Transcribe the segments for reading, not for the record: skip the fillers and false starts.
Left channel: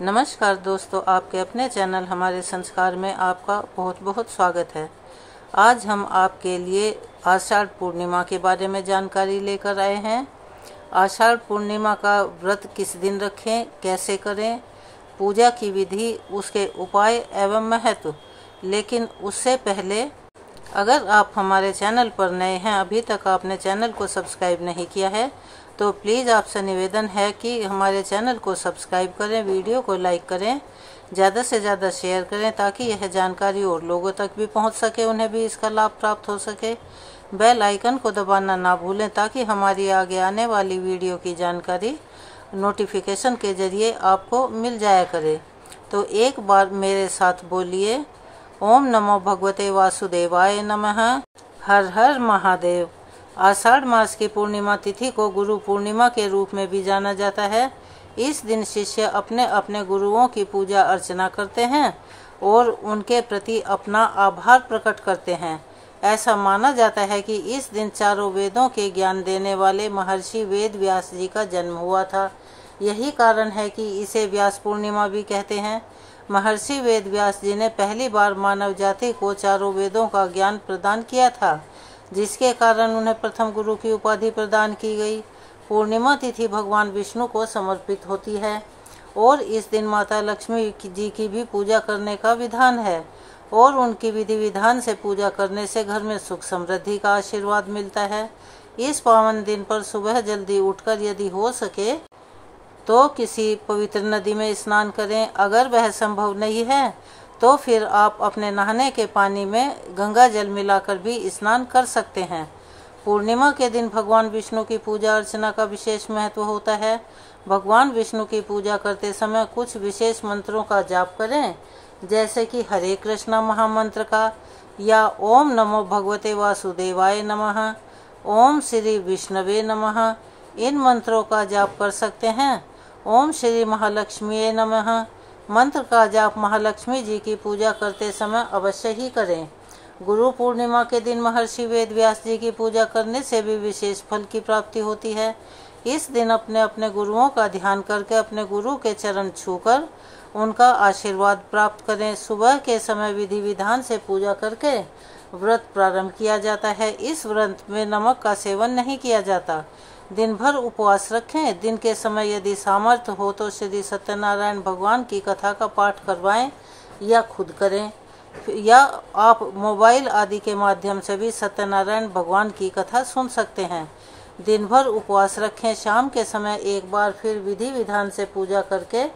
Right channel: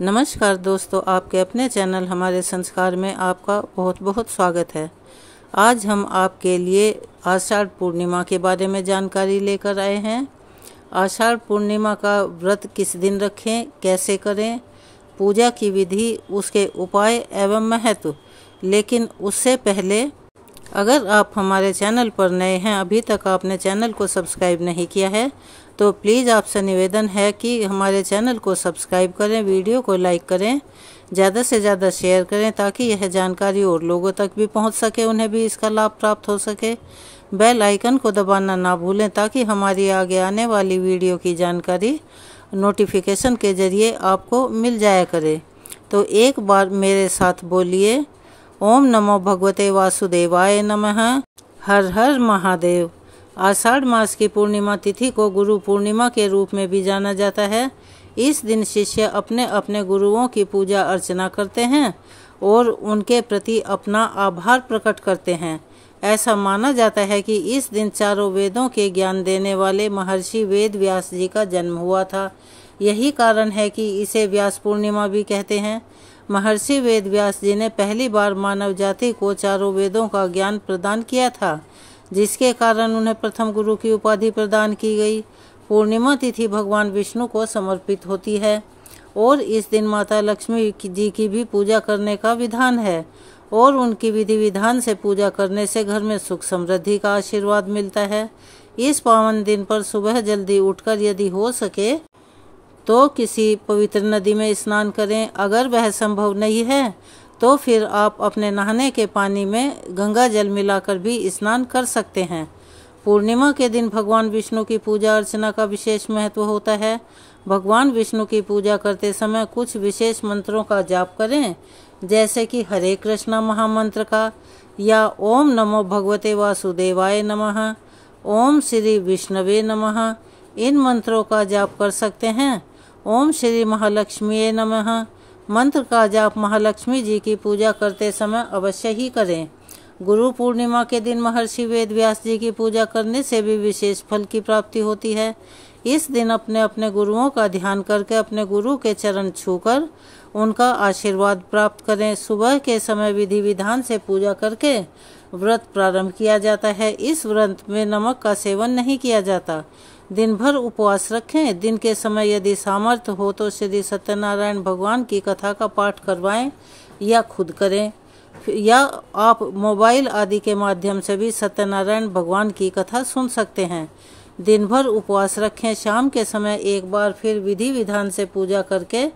नमस्कार दोस्तों, आपके अपने चैनल हमारे संस्कार में आपका बहुत बहुत स्वागत है। आज हम आपके लिए आषाढ़ पूर्णिमा के बारे में जानकारी लेकर आए हैं। आषाढ़ पूर्णिमा का व्रत किस दिन रखें, कैसे करें, पूजा की विधि, उसके उपाय एवं महत्व। लेकिन उससे पहले अगर आप हमारे चैनल पर नए हैं, अभी तक आपने चैनल को सब्सक्राइब नहीं किया है, तो प्लीज़ आपसे निवेदन है कि हमारे चैनल को सब्सक्राइब करें, वीडियो को लाइक करें, ज़्यादा से ज़्यादा शेयर करें ताकि यह जानकारी और लोगों तक भी पहुंच सके, उन्हें भी इसका लाभ प्राप्त हो सके। बेल आइकन को दबाना ना भूलें ताकि हमारी आगे आने वाली वीडियो की जानकारी नोटिफिकेशन के जरिए आपको मिल जाया करे। तो एक बार मेरे साथ बोलिए, ओम नमो भगवते वासुदेवाय नमः। हर हर महादेव। आषाढ़ मास की पूर्णिमा तिथि को गुरु पूर्णिमा के रूप में भी जाना जाता है। इस दिन शिष्य अपने अपने गुरुओं की पूजा अर्चना करते हैं और उनके प्रति अपना आभार प्रकट करते हैं। ऐसा माना जाता है कि इस दिन चारों वेदों के ज्ञान देने वाले महर्षि वेद व्यास जी का जन्म हुआ था। यही कारण है कि इसे व्यास पूर्णिमा भी कहते हैं। महर्षि वेद व्यास जी ने पहली बार मानव जाति को चारों वेदों का ज्ञान प्रदान किया था, जिसके कारण उन्हें प्रथम गुरु की उपाधि प्रदान की गई। पूर्णिमा तिथि भगवान विष्णु को समर्पित होती है और इस दिन माता लक्ष्मी जी की भी पूजा करने का विधान है और उनकी विधि विधान से पूजा करने से घर में सुख समृद्धि का आशीर्वाद मिलता है। इस पावन दिन पर सुबह जल्दी उठकर यदि हो सके तो किसी पवित्र नदी में स्नान करें। अगर वह संभव नहीं है तो फिर आप अपने नहाने के पानी में गंगा जल मिलाकर भी स्नान कर सकते हैं। पूर्णिमा के दिन भगवान विष्णु की पूजा अर्चना का विशेष महत्व होता है। भगवान विष्णु की पूजा करते समय कुछ विशेष मंत्रों का जाप करें, जैसे कि हरे कृष्णा महामंत्र का, या ओम नमो भगवते वासुदेवाय नमः, ओम श्री विष्णवे नमः। इन मंत्रों का जाप कर सकते हैं। ओम श्री महालक्ष्मी नमः मंत्र का जाप महालक्ष्मी जी की पूजा करते समय अवश्य ही करें। गुरु पूर्णिमा के दिन महर्षि वेद व्यास जी की पूजा करने से भी विशेष फल की प्राप्ति होती है। इस दिन अपने अपने गुरुओं का ध्यान करके अपने गुरु के चरण छूकर उनका आशीर्वाद प्राप्त करें। सुबह के समय विधि विधान से पूजा करके व्रत प्रारंभ किया जाता है। इस व्रत में नमक का सेवन नहीं किया जाता। दिन भर उपवास रखें। दिन के समय यदि सामर्थ्य हो तो श्री सत्यनारायण भगवान की कथा का पाठ करवाएं या खुद करें, या आप मोबाइल आदि के माध्यम से भी सत्यनारायण भगवान की कथा सुन सकते हैं। दिन भर उपवास रखें। शाम के समय एक बार फिर विधि विधान से पूजा करके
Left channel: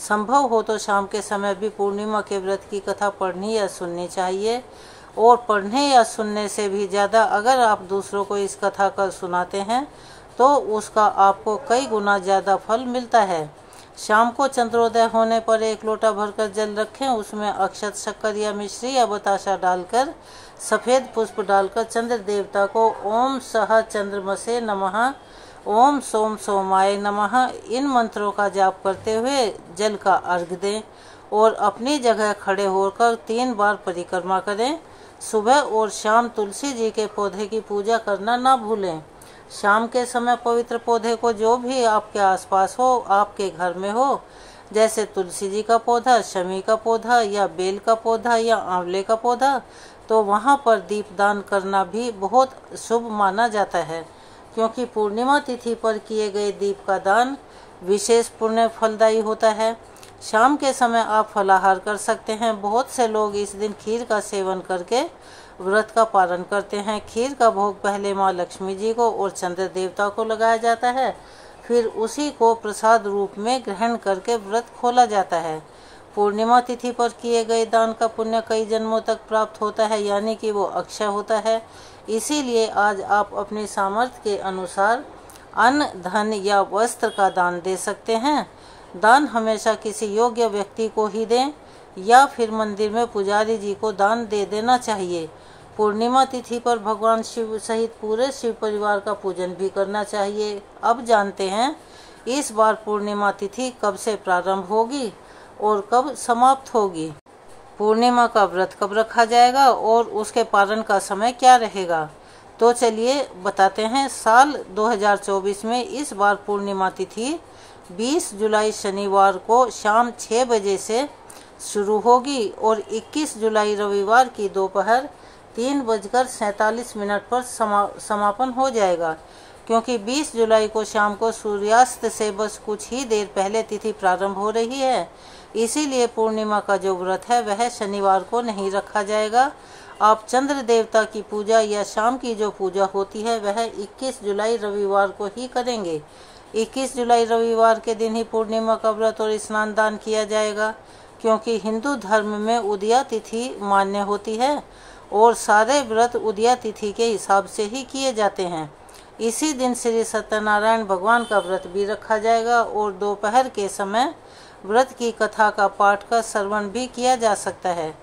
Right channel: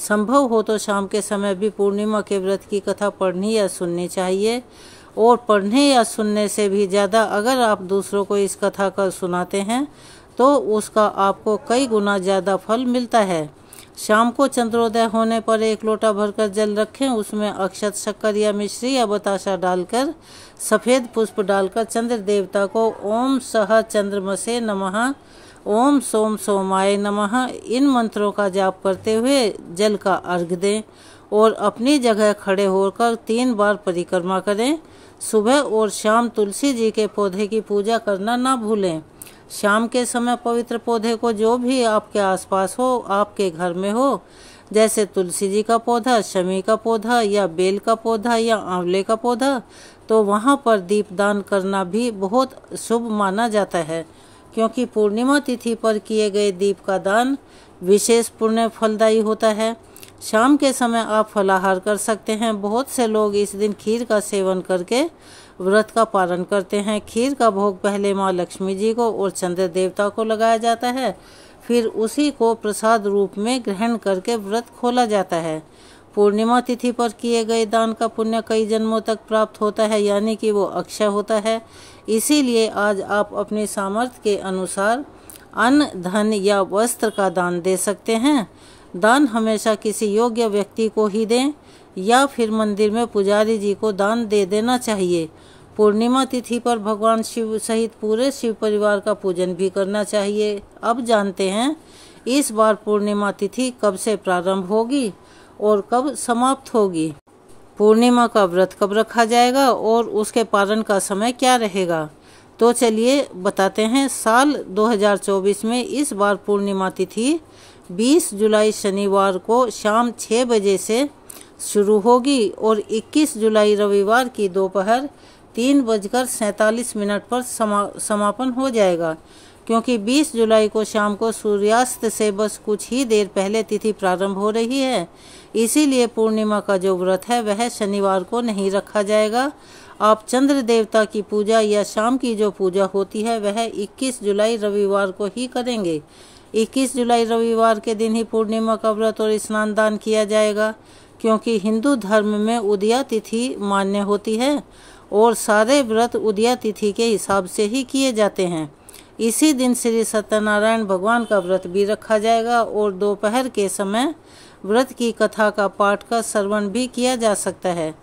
संभव हो तो शाम के समय भी पूर्णिमा के व्रत की कथा पढ़नी या सुननी चाहिए। और पढ़ने या सुनने से भी ज़्यादा अगर आप दूसरों को इस कथा का सुनाते हैं तो उसका आपको कई गुना ज़्यादा फल मिलता है। शाम को चंद्रोदय होने पर एक लोटा भरकर जल रखें। उसमें अक्षत, शक्कर या मिश्री या बताशा डालकर सफ़ेद पुष्प डालकर चंद्र देवता को ओम सह चंद्रमसे नमः, ओम सोम सोमाय नमः इन मंत्रों का जाप करते हुए जल का अर्घ दें और अपनी जगह खड़े होकर 3 बार परिक्रमा करें। सुबह और शाम तुलसी जी के पौधे की पूजा करना ना भूलें। शाम के समय पवित्र पौधे को जो भी आपके आसपास हो, आपके घर में हो, जैसे तुलसी जी का पौधा, शमी का पौधा या बेल का पौधा या आंवले का पौधा, तो वहां पर दीपदान करना भी बहुत शुभ माना जाता है, क्योंकि पूर्णिमा तिथि पर किए गए दीप का दान विशेष पुण्य फलदायी होता है। शाम के समय आप फलाहार कर सकते हैं। बहुत से लोग इस दिन खीर का सेवन करके व्रत का पालन करते हैं। खीर का भोग पहले माँ लक्ष्मी जी को और चंद्र देवता को लगाया जाता है, फिर उसी को प्रसाद रूप में ग्रहण करके व्रत खोला जाता है। पूर्णिमा तिथि पर किए गए दान का पुण्य कई जन्मों तक प्राप्त होता है, यानी कि वो अक्षय होता है। इसीलिए आज आप अपनी सामर्थ्य के अनुसार अन्न, धन या वस्त्र का दान दे सकते हैं। दान हमेशा किसी योग्य व्यक्ति को ही दें या फिर मंदिर में पुजारी जी को दान दे देना चाहिए। पूर्णिमा तिथि पर भगवान शिव सहित पूरे शिव परिवार का पूजन भी करना चाहिए। अब जानते हैं इस बार पूर्णिमा तिथि कब से प्रारंभ होगी और कब समाप्त होगी। पूर्णिमा का व्रत कब रखा जाएगा और उसके पालन का समय क्या रहेगा। तो चलिए बताते हैं। साल 2024 में इस बार पूर्णिमा तिथि 20 जुलाई शनिवार को शाम 6 बजे से शुरू होगी और 21 जुलाई रविवार की दोपहर 3:47 पर समापन हो जाएगा। क्योंकि 20 जुलाई को शाम को सूर्यास्त से बस कुछ ही देर पहले तिथि प्रारंभ हो रही है, इसीलिए पूर्णिमा का जो व्रत है वह शनिवार को नहीं रखा जाएगा। आप चंद्र देवता की पूजा या शाम की जो पूजा होती है वह 21 जुलाई रविवार को ही करेंगे। 21 जुलाई रविवार के दिन ही पूर्णिमा का व्रत और स्नान दान किया जाएगा, क्योंकि हिंदू धर्म में उदया तिथि मान्य होती है और सारे व्रत उदया तिथि के हिसाब से ही किए जाते हैं। इसी दिन श्री सत्यनारायण भगवान का व्रत भी रखा जाएगा और दोपहर के समय व्रत की कथा का पाठ का श्रवण भी किया जा सकता है।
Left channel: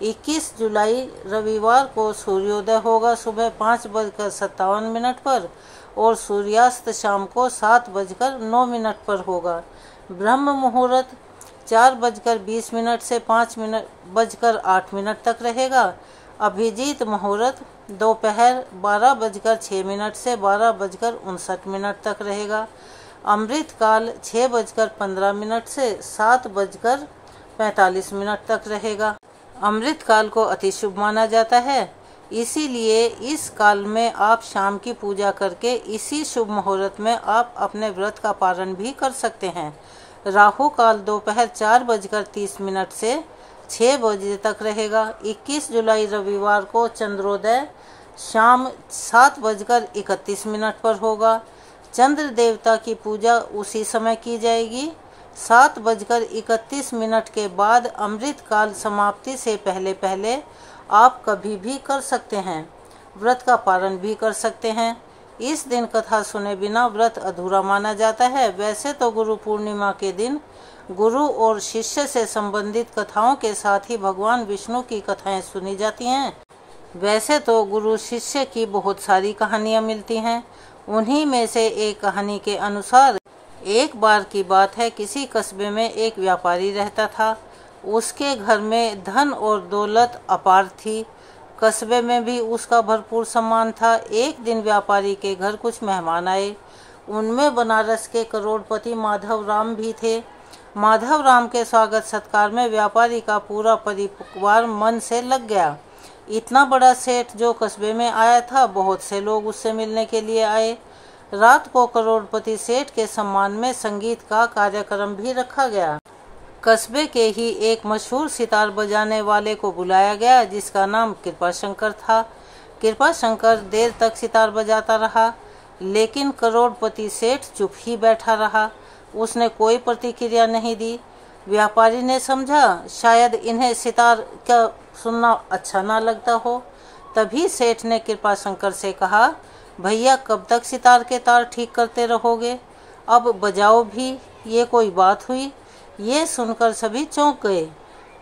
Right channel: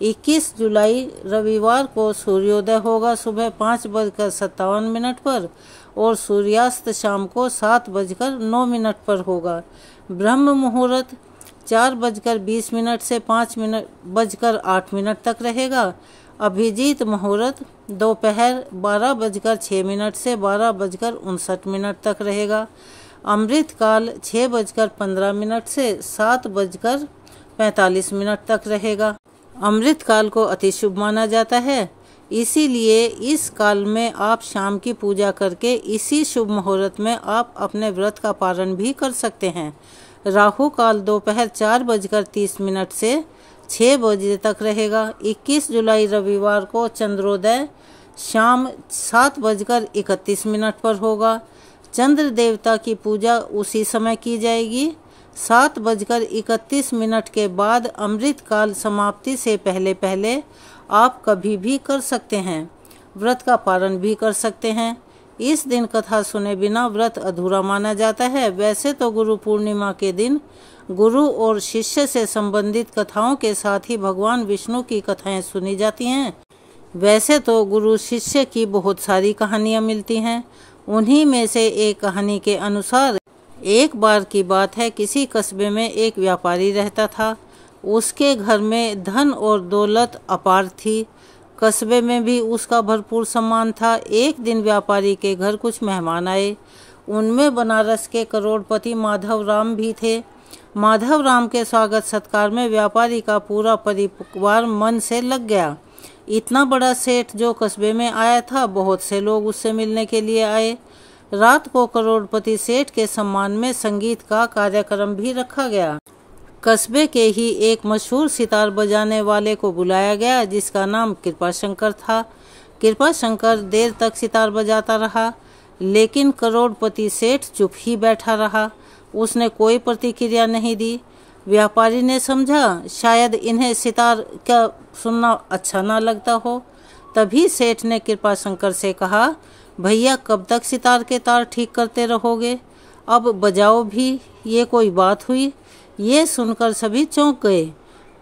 21 जुलाई रविवार को सूर्योदय होगा सुबह 5:57 पर और सूर्यास्त शाम को 7:09 पर होगा। ब्रह्म मुहूर्त 4:20 से 5:08 तक रहेगा। अभिजीत मुहूर्त दोपहर 12:06 से 12:59 तक रहेगा। अमृत काल 6:15 से 7:45 तक रहेगा। अमृत काल को अति शुभ माना जाता है, इसीलिए इस काल में आप शाम की पूजा करके इसी शुभ मुहूर्त में आप अपने व्रत का पारण भी कर सकते हैं। राहु काल दोपहर 4:30 से 6 बजे तक रहेगा। 21 जुलाई रविवार को चंद्रोदय शाम 7:31 पर होगा। चंद्र देवता की पूजा उसी समय की जाएगी। 7:31 के बाद अमृत काल समाप्ति से पहले पहले आप कभी भी कर सकते हैं, व्रत का पारण भी कर सकते हैं। इस दिन कथा सुने बिना व्रत अधूरा माना जाता है। वैसे तो गुरु पूर्णिमा के दिन गुरु और शिष्य से संबंधित कथाओं के साथ ही भगवान विष्णु की कथाएं सुनी जाती हैं। वैसे तो गुरु शिष्य की बहुत सारी कहानियां मिलती हैं। उन्हीं में से एक कहानी के अनुसार एक बार की बात है, किसी कस्बे में एक व्यापारी रहता था। उसके घर में धन और दौलत अपार थी। कस्बे में भी उसका भरपूर सम्मान था। एक दिन व्यापारी के घर कुछ मेहमान आए। उनमें बनारस के करोड़पति माधव राम भी थे। माधव राम के स्वागत सत्कार में व्यापारी का पूरा परिवार मन से लग गया। इतना बड़ा सेठ जो कस्बे में आया था, बहुत से लोग उससे मिलने के लिए आए। रात को करोड़पति सेठ के सम्मान में संगीत का कार्यक्रम भी रखा गया। कस्बे के ही एक मशहूर सितार बजाने वाले को बुलाया गया, जिसका नाम कृपाशंकर था। कृपाशंकर देर तक सितार बजाता रहा, लेकिन करोड़पति सेठ चुप ही बैठा रहा। उसने कोई प्रतिक्रिया नहीं दी। व्यापारी ने समझा शायद इन्हें सितार का सुनना अच्छा ना लगता हो। तभी सेठ ने कृपाशंकर से कहा, भैया कब तक सितार के तार ठीक करते रहोगे, अब बजाओ भी, ये कोई बात हुई। ये सुनकर सभी चौंक गए।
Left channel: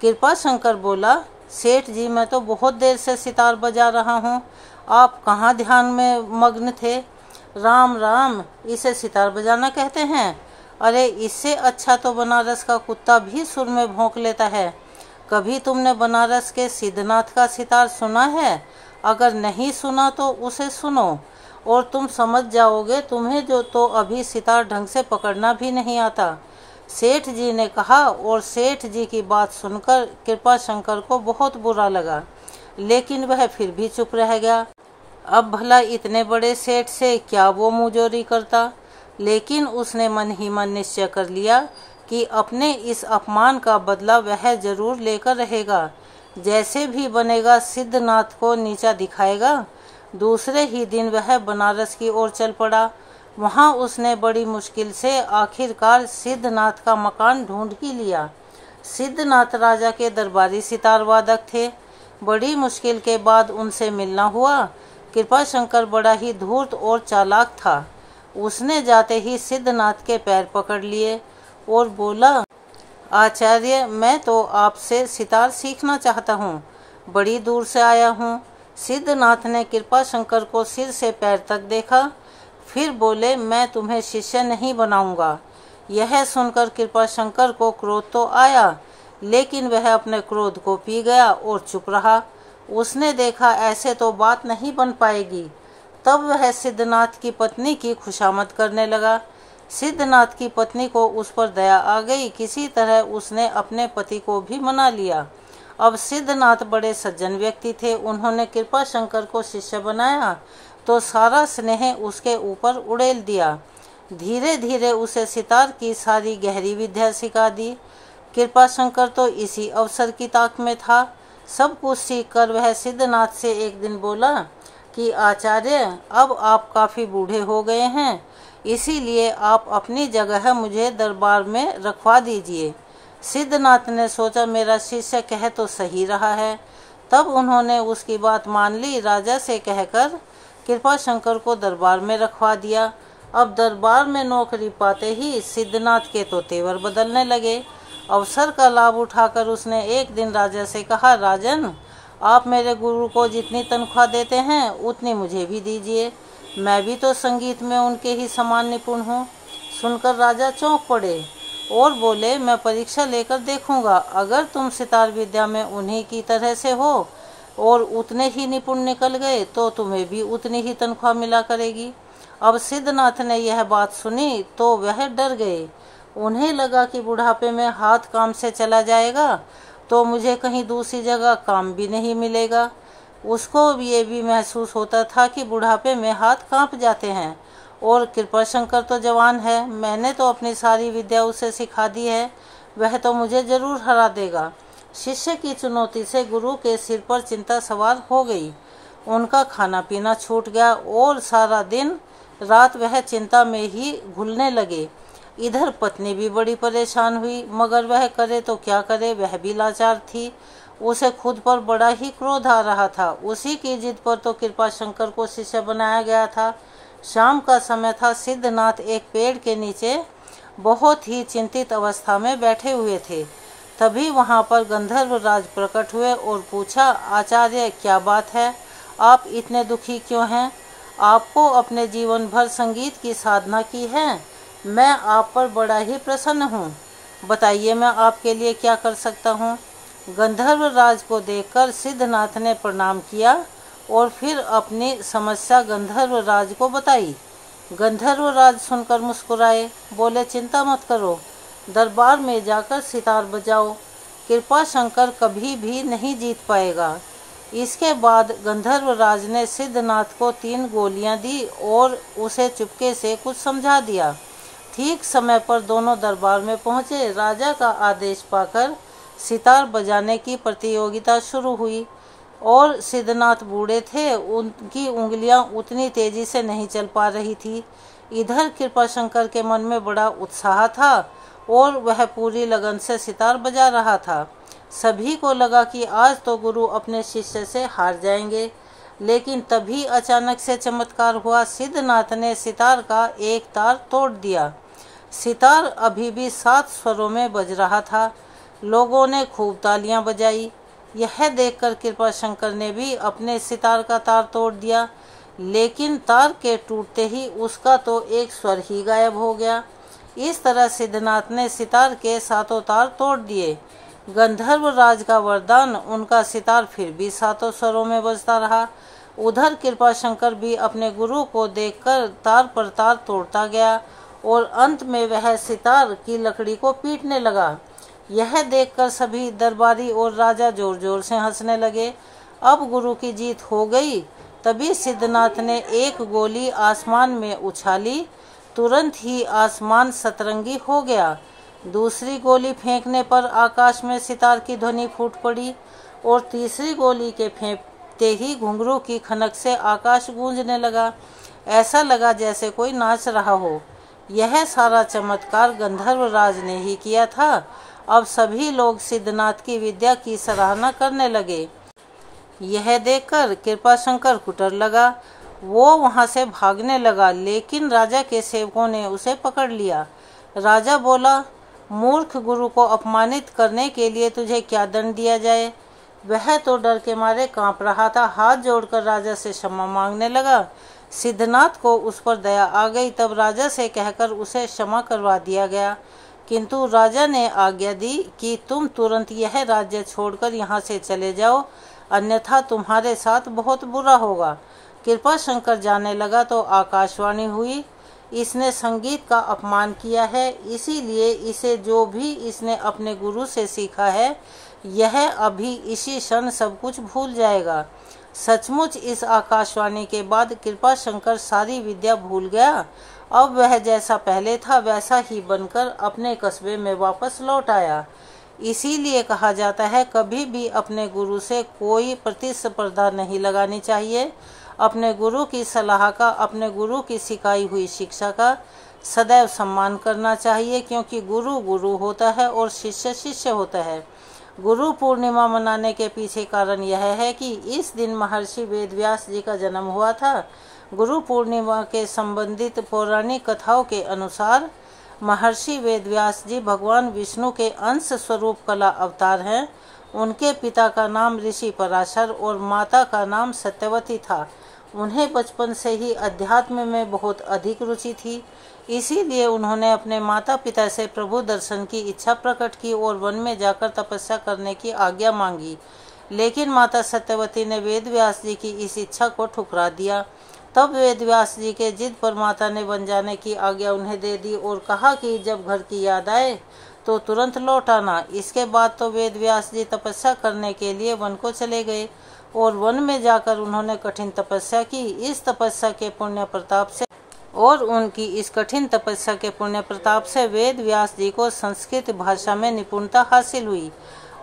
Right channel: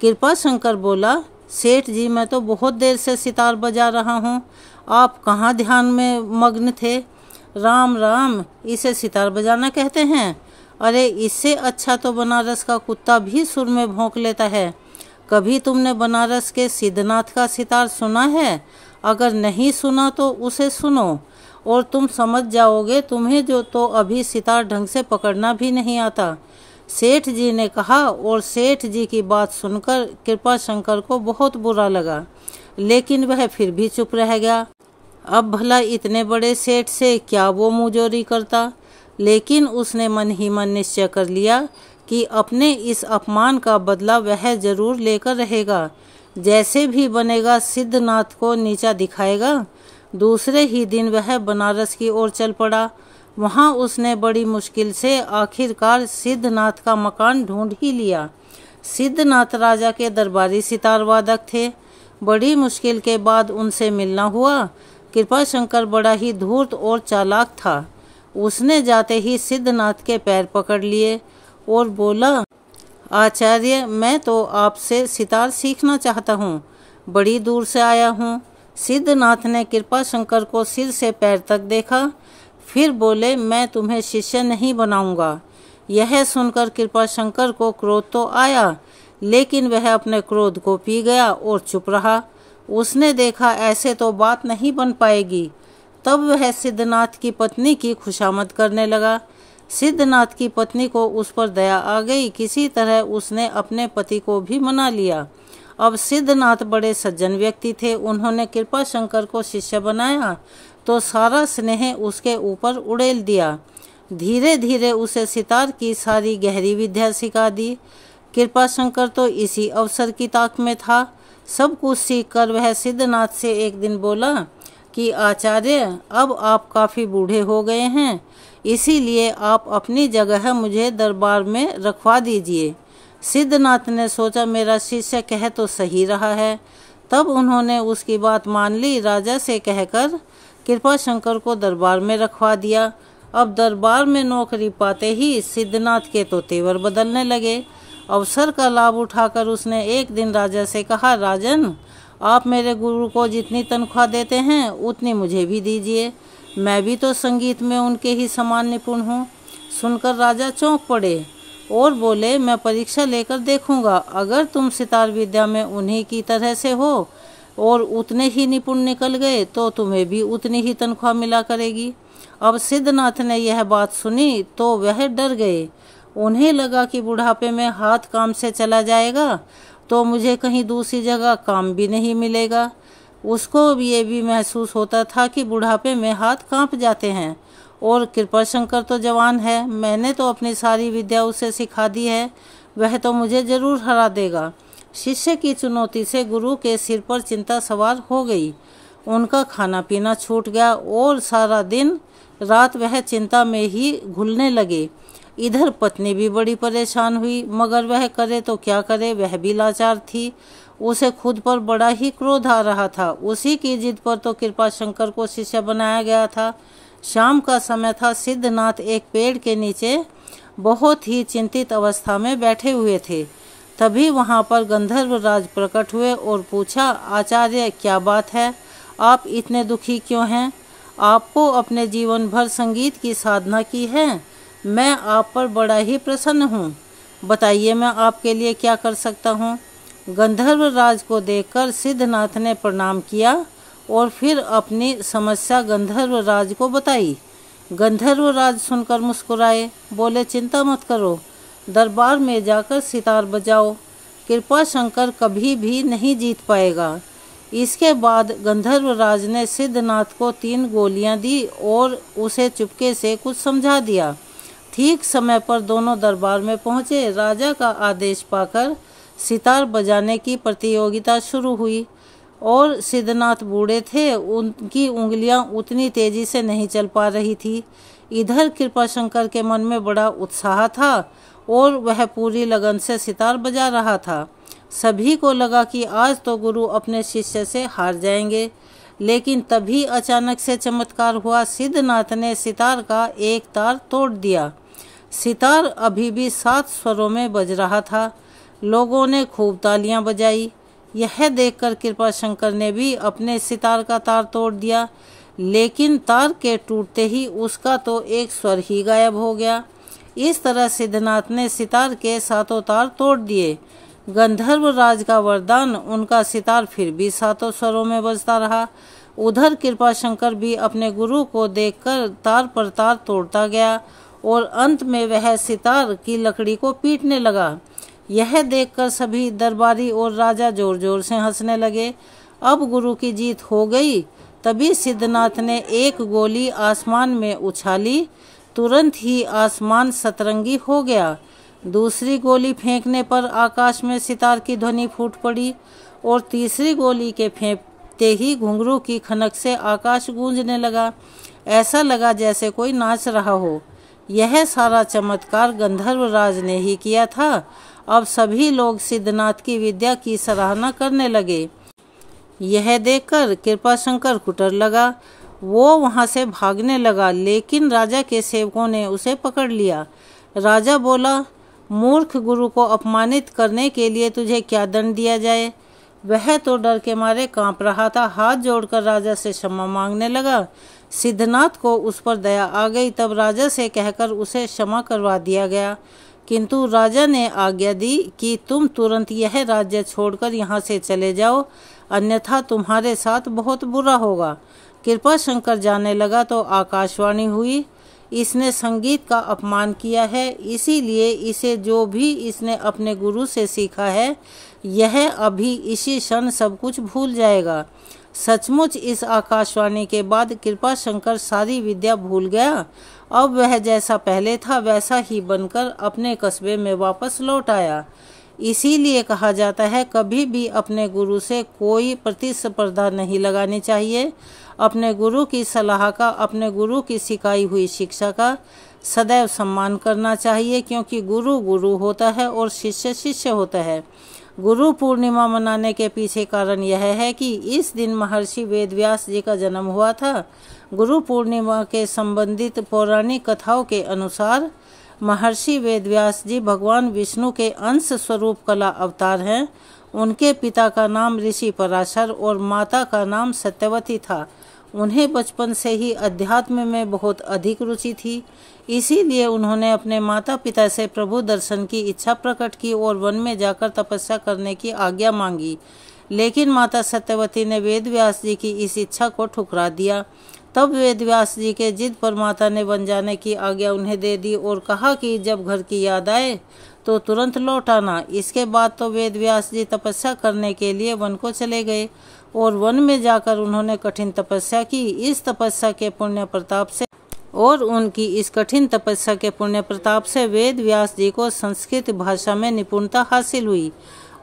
कृपाशंकर बोला, सेठ जी मैं तो बहुत देर से सितार बजा रहा हूँ, आप कहाँ ध्यान में मग्न थे। राम राम, इसे सितार बजाना कहते हैं। अरे इससे अच्छा तो बनारस का कुत्ता भी सुर में भौंक लेता है। कभी तुमने बनारस के सिद्धनाथ का सितार सुना है? अगर नहीं सुना तो उसे सुनो और तुम समझ जाओगे। तुम्हें जो तो अभी सितार ढंग से पकड़ना भी नहीं आता, सेठ जी ने कहा। और सेठ जी की बात सुनकर कृपाशंकर को बहुत बुरा लगा, लेकिन वह फिर भी चुप रह गया। अब भला इतने बड़े सेठ से क्या वो मुंहजोरी करता, लेकिन उसने मन ही मन निश्चय कर लिया कि अपने इस अपमान का बदला वह जरूर लेकर रहेगा। जैसे भी बनेगा सिद्धनाथ को नीचा दिखाएगा। दूसरे ही दिन वह बनारस की ओर चल पड़ा। वहां उसने बड़ी मुश्किल से आखिरकार सिद्धनाथ का मकान ढूंढ ही लिया। सिद्धनाथ राजा के दरबारी सितार वादक थे। बड़ी मुश्किल के बाद उनसे मिलना हुआ। कृपाशंकर बड़ा ही धूर्त और चालाक था। उसने जाते ही सिद्धनाथ के पैर पकड़ लिए और बोला, आचार्य मैं तो आपसे सितार सीखना चाहता हूँ, बड़ी दूर से आया हूँ। सिद्धनाथ ने कृपाशंकर को सिर से पैर तक देखा, फिर बोले, मैं तुम्हें शिष्य नहीं बनाऊंगा। यह सुनकर कृपाशंकर को क्रोध तो आया, लेकिन वह अपने क्रोध को पी गया और चुप रहा। उसने देखा ऐसे तो बात नहीं बन पाएगी। तब वह सिद्धनाथ की पत्नी की खुशामद करने लगा। सिद्धनाथ की पत्नी को उस पर दया आ गई। किसी तरह उसने अपने पति को भी मना लिया। अब सिद्धनाथ बड़े सज्जन व्यक्ति थे। उन्होंने कृपा शंकर को शिष्य बनाया तो सारा स्नेह उसके ऊपर उड़ेल दिया। धीरे धीरे उसे सितार की सारी गहरी विद्या सिखा दी। कृपा शंकर तो इसी अवसर की ताक में था। सब कुछ सीख कर वह सिद्धनाथ से एक दिन बोला कि आचार्य, अब आप काफी बूढ़े हो गए हैं, इसीलिए आप अपनी जगह मुझे दरबार में रखवा दीजिए। सिद्धनाथ ने सोचा मेरा शिष्य कह तो सही रहा है। तब उन्होंने उसकी बात मान ली। राजा से कहकर कृपा शंकर को दरबार में रखवा दिया। अब दरबार में नौकरी पाते ही सिद्धनाथ के तो तेवर बदलने लगे। अवसर का लाभ उठाकर उसने एक दिन राजा से कहा, राजन, आप मेरे गुरु को जितनी तनख्वाह देते हैं उतनी मुझे भी दीजिए। मैं भी तो संगीत में उनके ही समान निपुण हूँ। सुनकर राजा चौंक पड़े और बोले, मैं परीक्षा लेकर देखूंगा। अगर तुम सितार विद्या में उन्हीं की तरह से हो और उतने ही निपुण निकल गए तो तुम्हें भी उतनी ही तनख्वाह मिला करेगी। अब सिद्धनाथ ने यह बात सुनी तो वह डर गए। उन्हें लगा कि बुढ़ापे में हाथ काम से चला जाएगा तो मुझे कहीं दूसरी जगह काम भी नहीं मिलेगा। उसको ये भी महसूस होता था कि बुढ़ापे में हाथ कांप जाते हैं और कृपा शंकर तो जवान है, मैंने तो अपनी सारी विद्या उसे सिखा दी है, वह तो मुझे जरूर हरा देगा। शिष्य की चुनौती से गुरु के सिर पर चिंता सवार हो गई। उनका खाना पीना छूट गया और सारा दिन रात वह चिंता में ही घुलने लगे। इधर पत्नी भी बड़ी परेशान हुई, मगर वह करे तो क्या करे, वह भी लाचार थी। उसे खुद पर बड़ा ही क्रोध आ रहा था। उसी की जिद पर तो कृपा शंकर को शिष्य बनाया गया था। शाम का समय था। सिद्धनाथ एक पेड़ के नीचे बहुत ही चिंतित अवस्था में बैठे हुए थे। तभी वहां पर गंधर्व राज प्रकट हुए और पूछा, आचार्य, क्या बात है, आप इतने दुखी क्यों हैं? आपको अपने जीवन भर संगीत की साधना की है। मैं आप पर बड़ा ही प्रसन्न हूँ। बताइए मैं आपके लिए क्या कर सकता हूँ। गंधर्व राज को देखकर सिद्धनाथ ने प्रणाम किया और फिर अपनी समस्या गंधर्व राज को बताई। गंधर्व राज सुनकर मुस्कुराए, बोले, चिंता मत करो, दरबार में जाकर सितार बजाओ, कृपा शंकर कभी भी नहीं जीत पाएगा। इसके बाद गंधर्व राज ने सिद्धनाथ को 3 गोलियां दी और उसे चुपके से कुछ समझा दिया। ठीक समय पर दोनों दरबार में पहुंचे। राजा का आदेश पाकर सितार बजाने की प्रतियोगिता शुरू हुई और सिद्धनाथ बूढ़े थे, उनकी उंगलियां उतनी तेजी से नहीं चल पा रही थी। इधर कृपा शंकर के मन में बड़ा उत्साह था और वह पूरी लगन से सितार बजा रहा था। सभी को लगा कि आज तो गुरु अपने शिष्य से हार जाएंगे, लेकिन तभी अचानक से चमत्कार हुआ। सिद्धनाथ ने सितार का एक तार तोड़ दिया। सितार अभी भी 7 स्वरों में बज रहा था। लोगों ने खूब तालियां बजाई। यह देखकर कृपा शंकर ने भी अपने सितार का तार तोड़ दिया, लेकिन तार के टूटते ही उसका तो एक स्वर ही गायब हो गया। इस तरह सिद्धनाथ ने सितार के 7 तार तोड़ दिए। गंधर्व राज का वरदान, उनका सितार फिर भी 7 स्वरों में बजता रहा। उधर कृपा शंकर भी अपने गुरु को देखकर तार पर तार तोड़ता गया और अंत में वह सितार की लकड़ी को पीटने लगा। यह देखकर सभी दरबारी और राजा जोर जोर से हंसने लगे। अब गुरु की जीत हो गई। तभी सिद्धनाथ ने एक गोली आसमान में उछाली, तुरंत ही आसमान सतरंगी हो गया। दूसरी गोली फेंकने पर आकाश में सितार की ध्वनि फूट पड़ी और तीसरी गोली के फेंकते ही घुंघरू की खनक से आकाश गूंजने लगा। ऐसा लगा जैसे कोई नाच रहा हो। यह सारा चमत्कार गंधर्व राज ने ही किया था। अब सभी लोग सिद्धनाथ की विद्या की सराहना करने लगे। यह देखकर कृपा शंकर कुटर लगा। वो वहां से भागने लगा, लेकिन राजा के सेवकों ने उसे पकड़ लिया। राजा बोला, मूर्ख गुरु को अपमानित करने के लिए तुझे क्या दंड दिया जाए? वह तो डर के मारे कांप रहा था। हाथ जोड़कर राजा से क्षमा मांगने लगा। सिद्धनाथ को उस पर दया आ गई। तब राजा से कहकर उसे क्षमा करवा दिया गया, किंतु राजा ने आज्ञा दी कि तुम तुरंत यह राज्य छोड़कर यहाँ से चले जाओ, अन्यथा तुम्हारे साथ बहुत बुरा होगा। कृपा शंकर जाने लगा तो आकाशवाणी हुई, इसने संगीत का अपमान किया है, इसीलिए इसे जो भी इसने अपने गुरु से सीखा है यह अभी इसी क्षण सब कुछ भूल जाएगा। सचमुच इस आकाशवाणी के बाद कृपाशंकर सारी विद्या भूल गया। अब वह जैसा पहले था वैसा ही बनकर अपने कस्बे में वापस लौट आया। इसीलिए कहा जाता है कभी भी अपने गुरु से कोई प्रतिस्पर्धा नहीं लगानी चाहिए। अपने गुरु की सलाह का, अपने गुरु की सिखाई हुई शिक्षा का सदैव सम्मान करना चाहिए, क्योंकि गुरु गुरु होता है और शिष्य शिष्य होता है। गुरु पूर्णिमा मनाने के पीछे कारण यह है कि इस दिन महर्षि वेदव्यास जी का जन्म हुआ था। गुरु पूर्णिमा के संबंधित पौराणिक कथाओं के अनुसार महर्षि वेदव्यास जी भगवान विष्णु के अंश स्वरूप कला अवतार हैं। उनके पिता का नाम ऋषि पराशर और माता का नाम सत्यवती था। उन्हें बचपन से ही अध्यात्म में बहुत अधिक रुचि थी, इसीलिए उन्होंने अपने माता पिता से प्रभु दर्शन की इच्छा प्रकट की और वन में जाकर तपस्या करने की आज्ञा मांगी। लेकिन माता सत्यवती ने वेदव्यास जी की इस इच्छा को ठुकरा दिया। तब वेदव्यास जी के जिद पर माता ने वन जाने की आज्ञा उन्हें दे दी और कहा कि जब घर की याद आए तो तुरंत लौट आना। इसके बाद तो वेदव्यास जी तपस्या करने के लिए वन को चले गए और वन में जाकर उन्होंने कठिन तपस्या की। इस तपस्या के पुण्य प्रताप से और उनकी इस कठिन तपस्या के पुण्य प्रताप से वेदव्यास जी को संस्कृत भाषा में निपुणता हासिल हुई।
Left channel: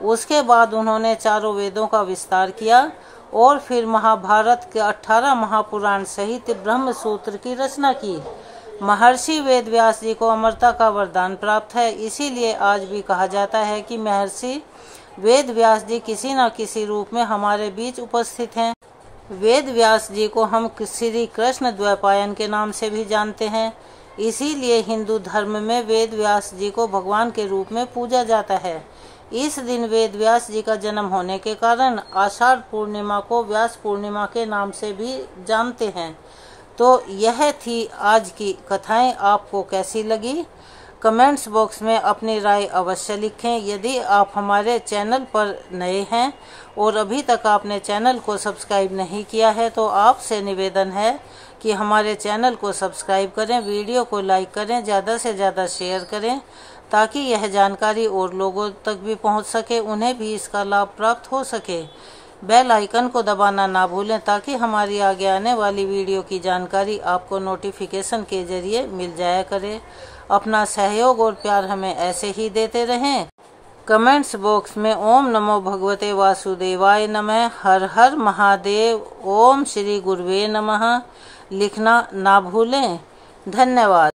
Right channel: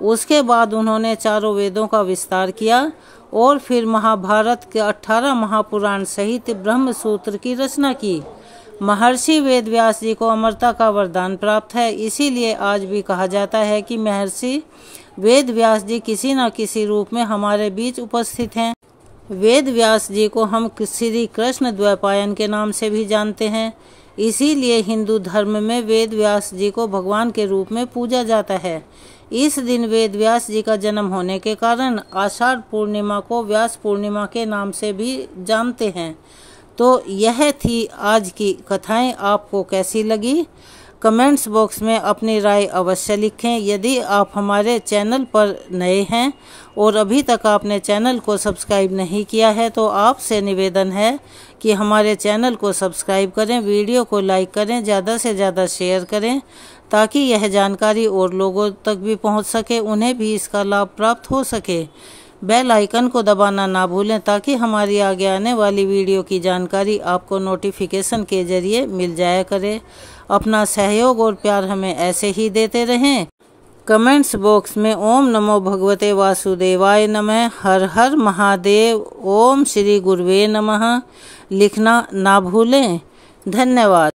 उसके बाद उन्होंने चारों वेदों का विस्तार किया और फिर महाभारत के 18 महापुराण सहित ब्रह्म सूत्र की रचना की। महर्षि वेदव्यास जी को अमरता का वरदान प्राप्त है, इसीलिए आज भी कहा जाता है कि महर्षि वेदव्यास जी किसी न किसी रूप में हमारे बीच उपस्थित हैं। वेदव्यास जी को हम श्री कृष्ण द्वैपायन के नाम से भी जानते हैं, इसीलिए हिंदू धर्म में वेदव्यास जी को भगवान के रूप में पूजा जाता है। इस दिन वेदव्यास जी का जन्म होने के कारण आषाढ़ पूर्णिमा को व्यास पूर्णिमा के नाम से भी जानते हैं। तो यह थी आज की कथाएं। आपको कैसी लगी? कमेंट्स बॉक्स में अपनी राय अवश्य लिखें। यदि आप हमारे चैनल पर नए हैं और अभी तक आपने चैनल को सब्सक्राइब नहीं किया है तो आपसे निवेदन है कि हमारे चैनल को सब्सक्राइब करें, वीडियो को लाइक करें, ज़्यादा से ज़्यादा शेयर करें ताकि यह जानकारी और लोगों तक भी पहुंच सके, उन्हें भी इसका लाभ प्राप्त हो सके। बेल आइकन को दबाना ना भूलें ताकि हमारी आगे आने वाली वीडियो की जानकारी आपको नोटिफिकेशन के जरिए मिल जाया करे। अपना सहयोग और प्यार हमें ऐसे ही देते रहें। कमेंट्स बॉक्स में ओम नमो भगवते वासुदेवाय नमः, हर हर महादेव, ओम श्री गुरुवे नमः लिखना ना भूलें। धन्यवाद।